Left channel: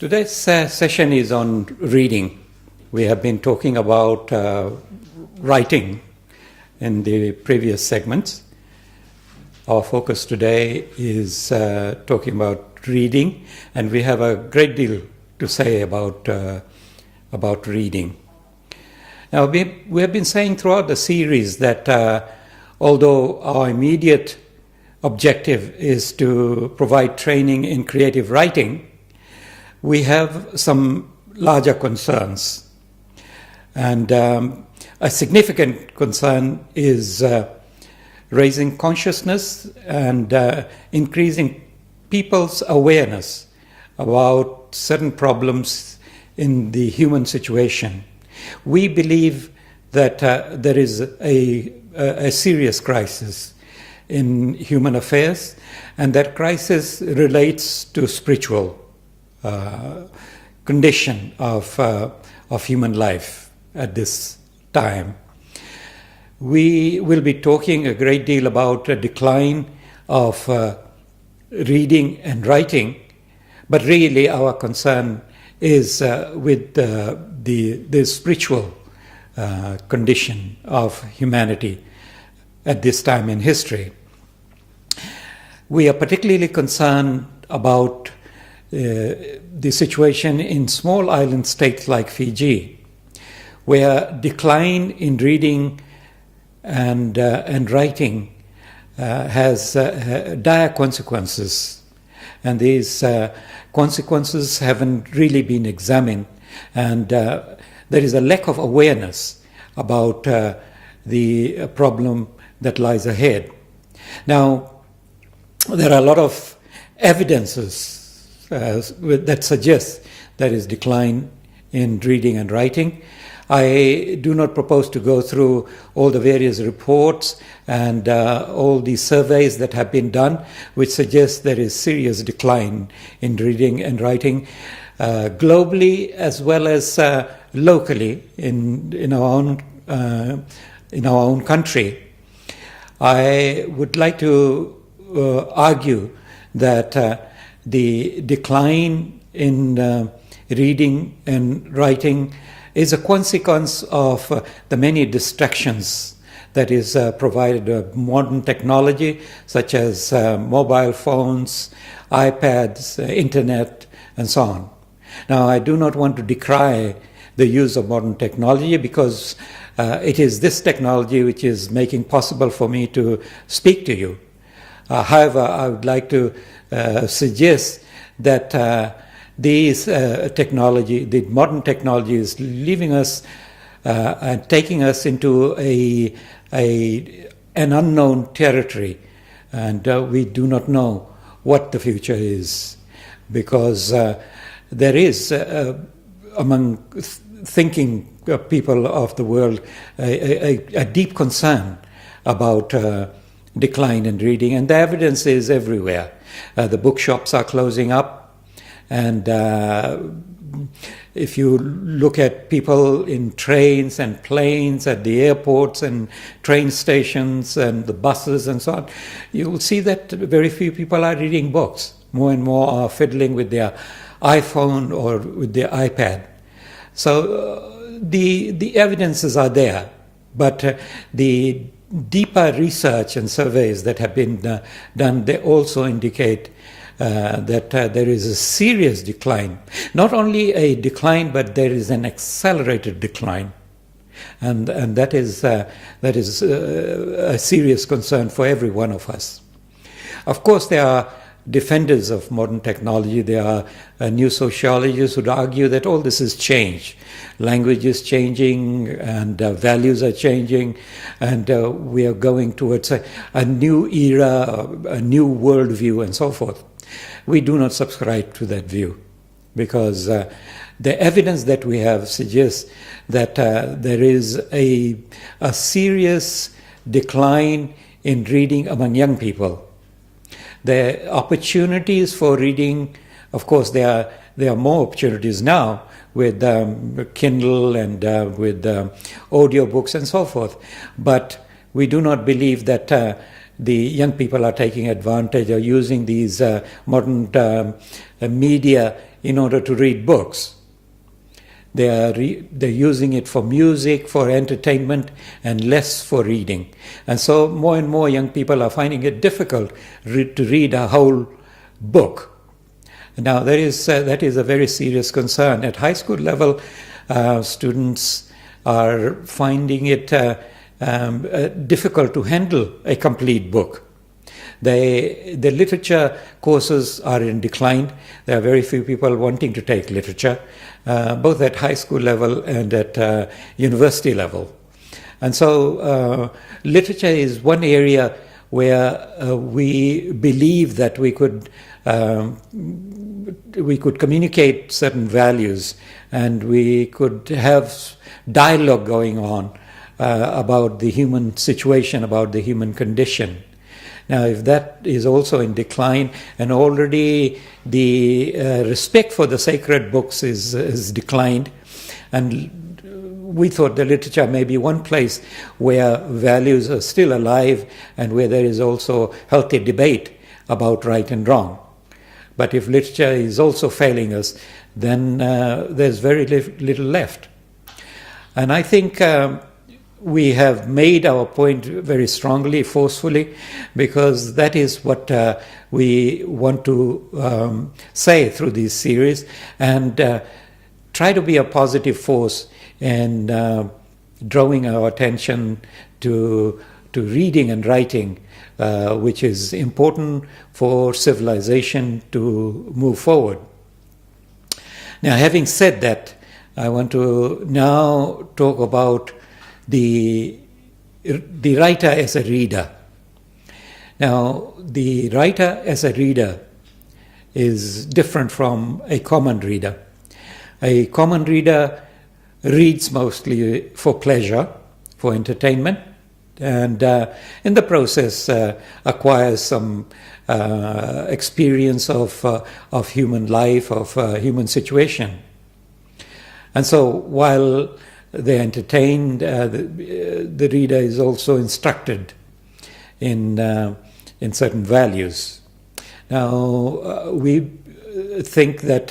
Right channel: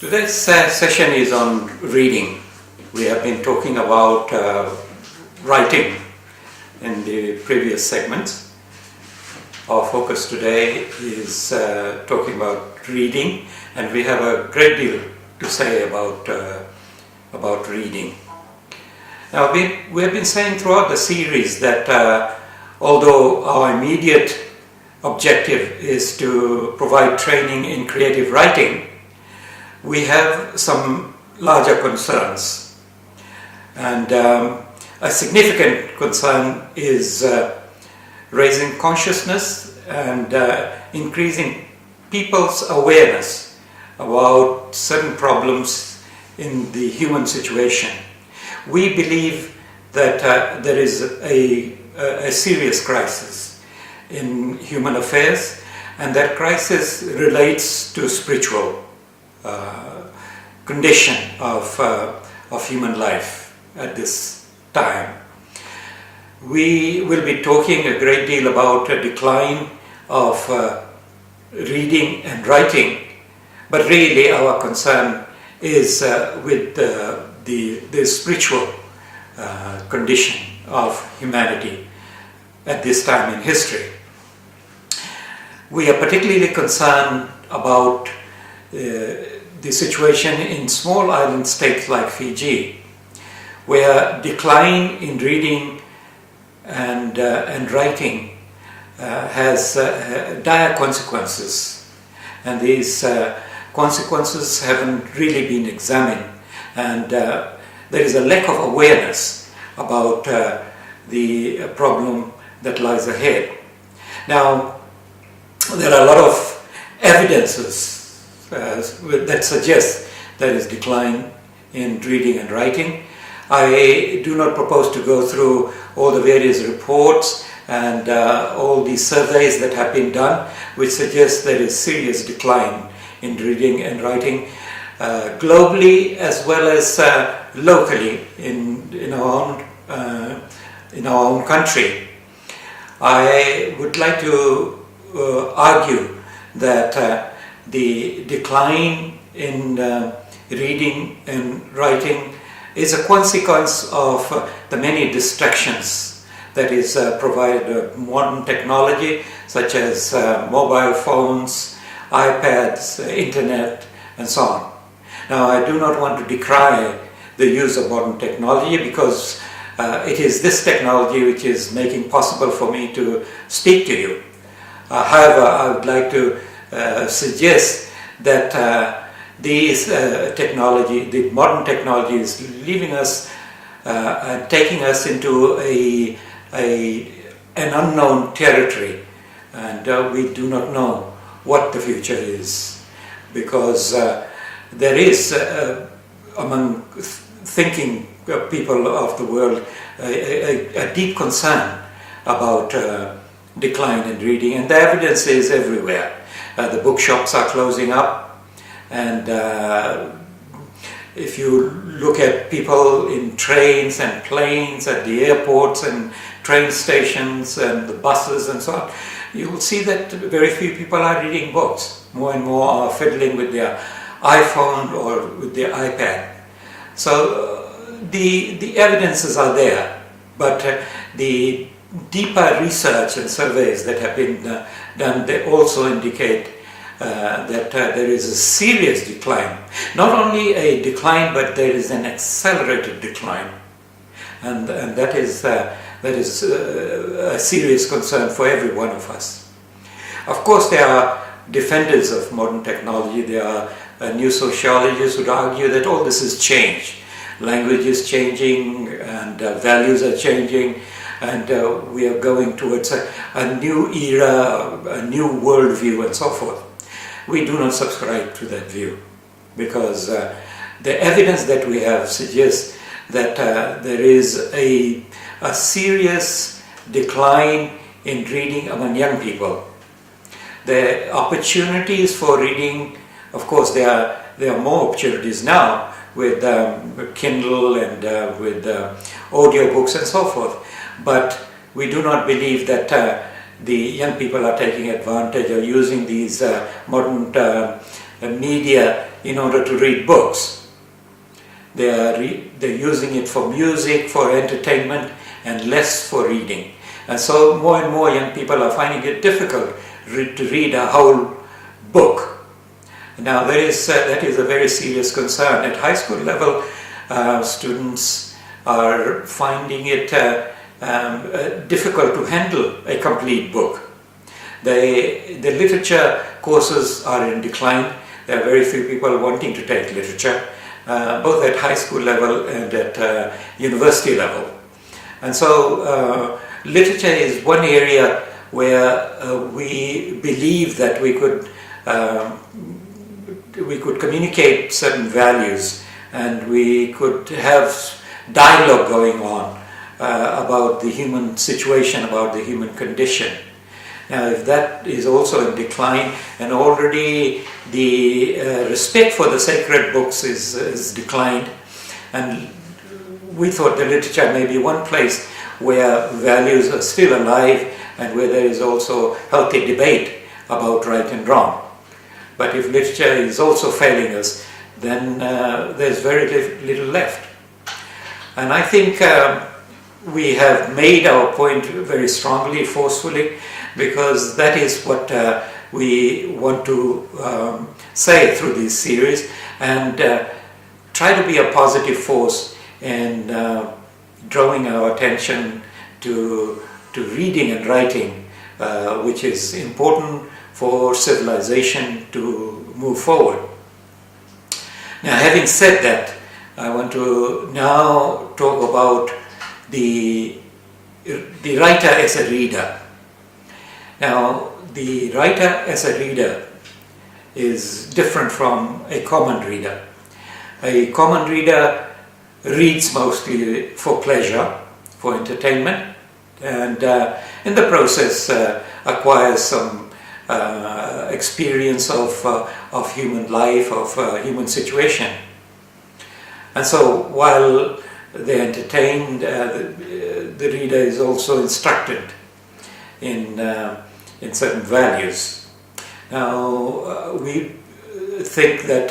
Today's session is on reading. We have been talking about writing in the previous segments. Our focus today is talking about reading, and we have a great deal to say about reading. Now, we have been saying throughout the series that although our immediate objective is to provide training in creative writing, we have some larger concerns. And a significant concern is raising consciousness and increasing people's awareness about certain problems in the human situation. We believe that there is a serious crisis in human affairs, and that crisis relates to spiritual condition of human life at this time. We will be talking a great deal about a decline of reading and writing, but really our concern is with the spiritual condition of humanity at this time in history. We are particularly concerned about the situation in small island states like Fiji, where decline in reading and writing has dire consequences, and these consequences haven't really been examined, and there is a lack of awareness about the problem that lies ahead. Now, there are a lot of evidences that suggest there is decline in reading and writing. I do not propose to go through all the various reports and all the surveys that have been done, which suggest there is serious decline in reading and writing globally as well as locally in our own country. I would like to argue that the decline in reading and writing is a consequence of the many distractions that is provided by modern technology, such as mobile phones, iPads, internet, and so on. Now, I do not want to decry the use of modern technology, because it is this technology which is making possible for me to speak to you. However, I would like to suggest that these technology, the modern technology, is leaving us and taking us into an unknown territory, and we do not know what the future is, because there is among thinking people of the world a deep concern about decline in reading, and the evidence is everywhere. The bookshops are closing up, and if you look at people in trains and planes, at the airports and train stations and the buses and so on, you will see that very few people are reading books. More and more are fiddling with their iPhone or with their iPad. So the evidences are there, but the deeper research and surveys that have been done, they also indicate that there is a serious decline. Not only a decline, but there is an accelerated decline, and that is a serious concern for every one of us. Of course, there are defenders of modern technology. There are new sociologists who argue that all this has changed. Language is changing, and values are changing, and we are going towards a new era, a new worldview, and so forth. We do not subscribe to that view, because the evidence that we have suggests that there is a serious decline in reading among young people. The opportunities for reading, of course, there are more opportunities now with Kindle and with audiobooks and so forth. But we do not believe that the young people are taking advantage or using these modern media in order to read books. They're using it for music, for entertainment, and less for reading. And so more and more young people are finding it difficult to read a whole book. Now that is a very serious concern. At high school level, students are finding it difficult to handle a complete book. The literature courses are in decline. There are very few people wanting to take literature, both at high school level and at university level. And so literature is one area where we believe that we could communicate certain values, and we could have dialogue going on about the human situation, about the human condition. Now, if that is also in decline, and already the respect for the sacred books is declined, and we thought that literature may be one place where values are still alive and where there is also healthy debate about right and wrong. But if literature is also failing us, then there's very little left. And I think we have made our point very strongly, forcefully, because that is what we want to say through this series, and try to be a positive force in drawing our attention to reading and writing, which is important for civilization to move forward. Now, having said that, I want to now talk about the writer as a reader. Now, the writer as a reader is different from a common reader. A common reader reads mostly for pleasure, for entertainment, and in the process acquires some experience of human life, of human situation. And so while they're entertained, the reader is also instructed in certain values. Now, we think that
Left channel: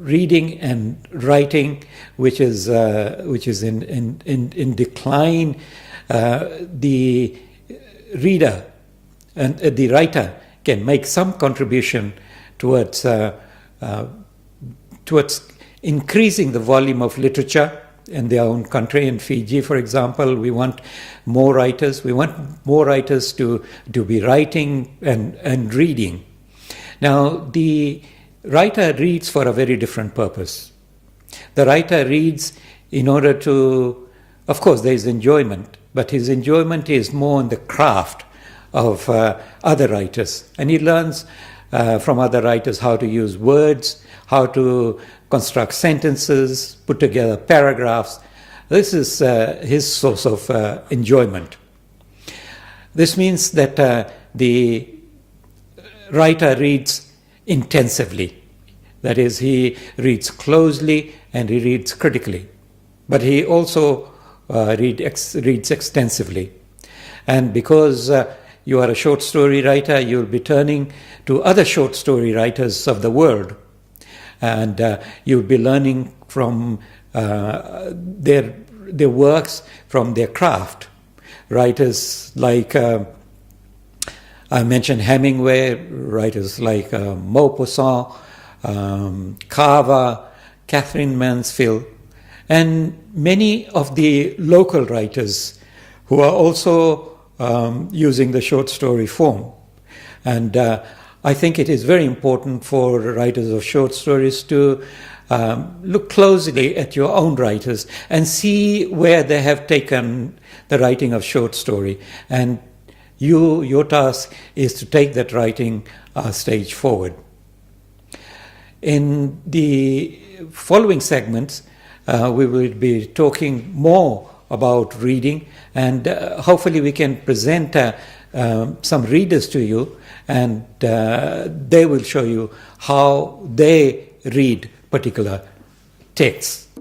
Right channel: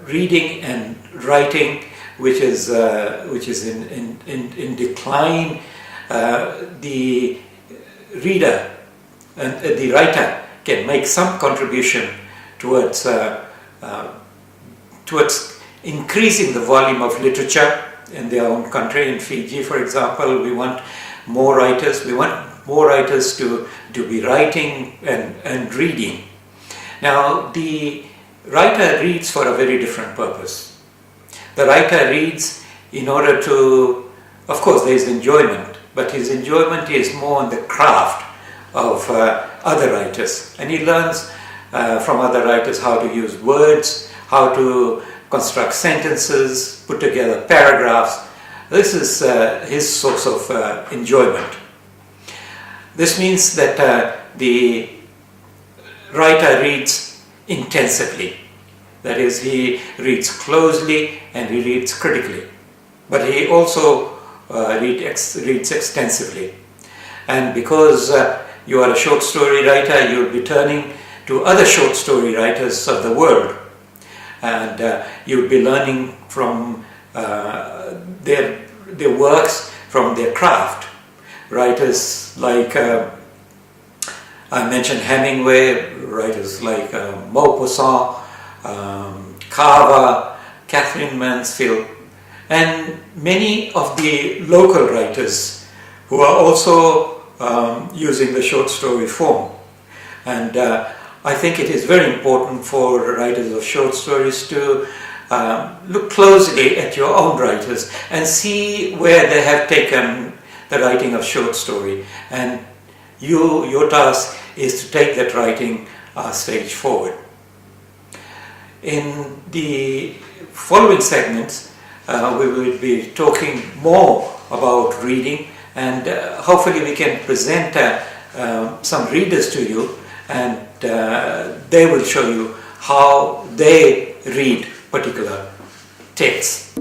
reading and writing, which is in decline, the reader and the writer can make some contribution towards increasing the volume of literature in their own country. In Fiji, for example, we want more writers. We want more writers to be writing and reading. Now, the writer reads for a very different purpose. The writer reads in order to, of course, there is enjoyment, but his enjoyment is more in the craft of other writers, and he learns from other writers how to use words, how to construct sentences, put together paragraphs. This is his source of enjoyment. This means that the writer reads intensively. That is, he reads closely and he reads critically. But he also reads extensively. And because you are a short story writer, you'll be turning to other short story writers of the world. And you'll be learning from their works, from their craft. Writers like, I mentioned Hemingway, writers like Maupassant, Carver, Catherine Mansfield, and many of the local writers who are also using the short story form. And I think it is very important for writers of short stories to look closely at your own writers and see where they have taken the writing of short story. And your task is to take that writing a stage forward. In the following segments, we will be talking more about reading, and hopefully we can present some readers to you, and they will show you how they read particular texts.